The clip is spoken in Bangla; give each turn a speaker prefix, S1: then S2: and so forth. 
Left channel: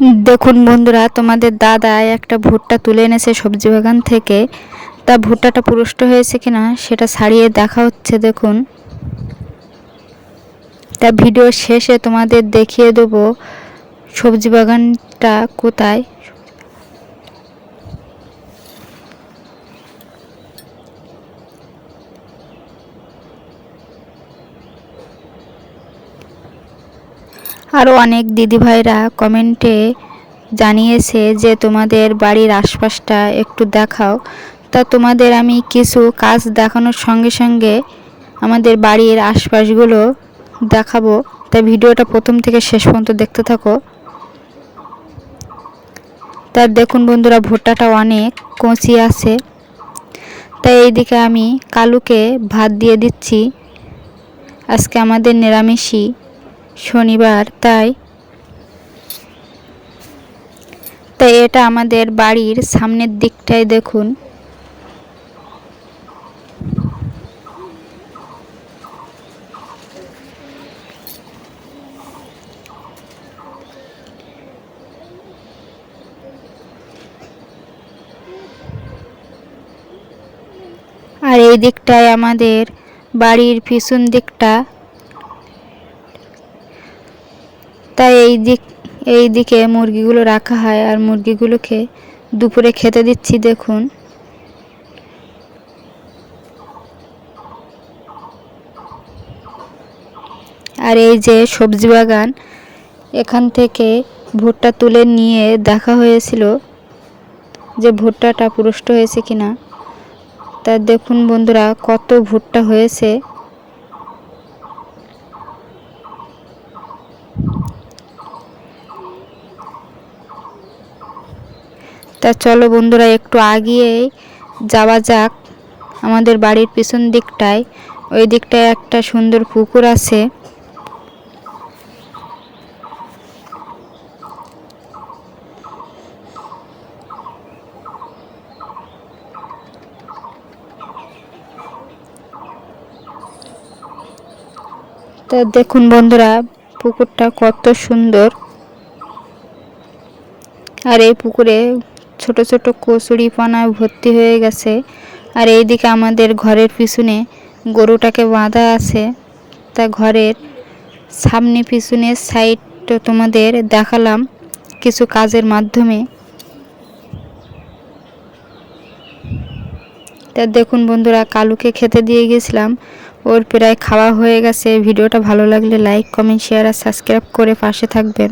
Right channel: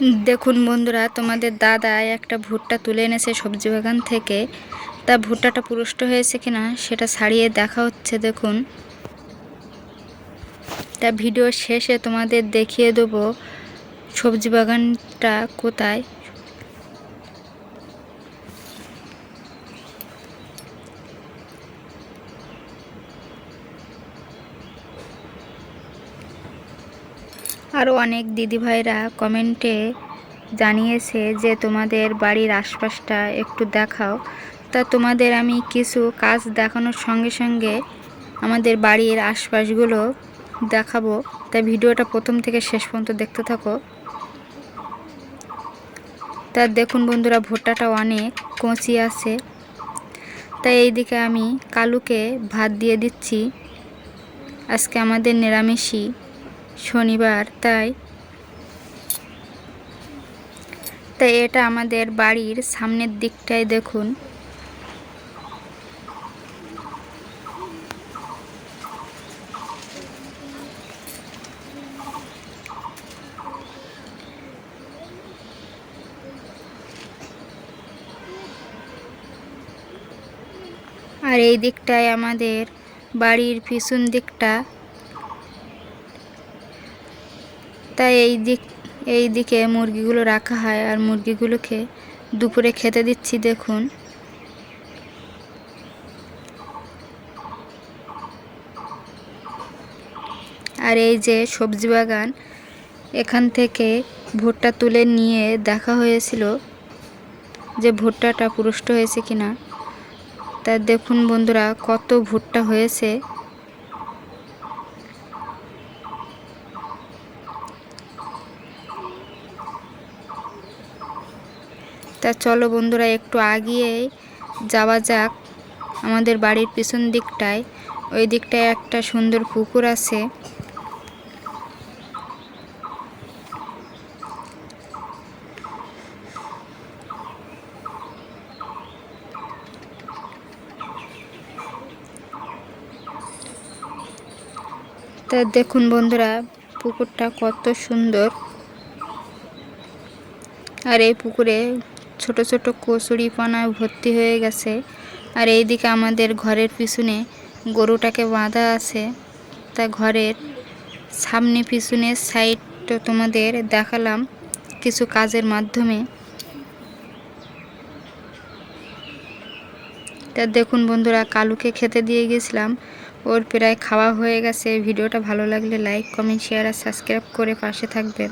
S1: দেখুন বন্ধুরা, তোমাদের দাদা একটা ভুট্টা তুলে এনেছে সবজি বাগান থেকে। তা ভুট্টাটা পুরুষ্ট হয়েছে কিনা সেটা ছাড়িয়ে দেখা হচ্ছে, দেখুন। তা ভিডিও শেষে তোমাদের দেখিয়ে দেবো সবজি বাগানটা কোথায়। আরও অনেক দিদিভাইরা কমেন্টে জানিয়েছে যে, তোমাদের বাড়ির আশপাশটা একটু দেখাও। তা তোমাদের আমি কিছু কাজ দেখানোর সঙ্গে সঙ্গে আমাদের বাড়ির আশপাশগুলো দেখাবো। তাই ভিডিওটা প্রথম থেকে শেষ পর্যন্ত দেখতে থাকো। তা দেখুন বন্ধুরা, ভুট্টাটা অনেক কচি আছে। তাই এইদিকে আমি কালুকে ভাত দিয়ে দিচ্ছি। আজকে আমাদের নিরামিষই। শনিবার, তাই তাই এটা আমাদের বাড়ির সামনের দিকটায় দেখুন। আর এই দিকটায় আমাদের বাড়ির পিছন দিকটা তাই এই দিক, এই দিকে মুরগিগুলো রাখা হয় আর মুরগিগুলোকে দুপুরে খেতে দিচ্ছি, দেখুন। আর এই যে সবজি বাগান, এখান থেকে ভুট্টা তুলে নিয়ে দেখা হয়েছিল যে ভুট্টাটা পুরুষ্ট হয়েছে কিনা। তা দেখুন বন্ধুরা, কত ভুট্টা হয়েছে। তা চলো বন্ধুরা, একটু আগিয়ে যাওয়া যাক আমাদের বাড়ির পিছন দিকটায়। ওই দিকটায় একটা সুন্দর পুকুর আছে। তা দেখুন বন্ধুরা, পুকুরটা কত সুন্দর। আর এই পুকুরে ছোট ছোট কচুরি পানা ভর্তি হয়ে গেছে। আর এইদিকে আমাদের ঘরের পিছনে গরুটাকে বাঁধা আছে। তা ঘরের সামনে পিছনে সাইড তোমাদের দেখালাম কিছু কাজের মাধ্যমে। তা দেখুন বন্ধুরা, কালুকে খেতে দিয়ে গেছিলাম। ওর প্রায় খাওয়া হয়ে গেছে। ভিডিওটা ভালো লাগলে লাইক, কমেন্ট, শেয়ার আর সাবস্ক্রাইব করে পাশে থাকবেন।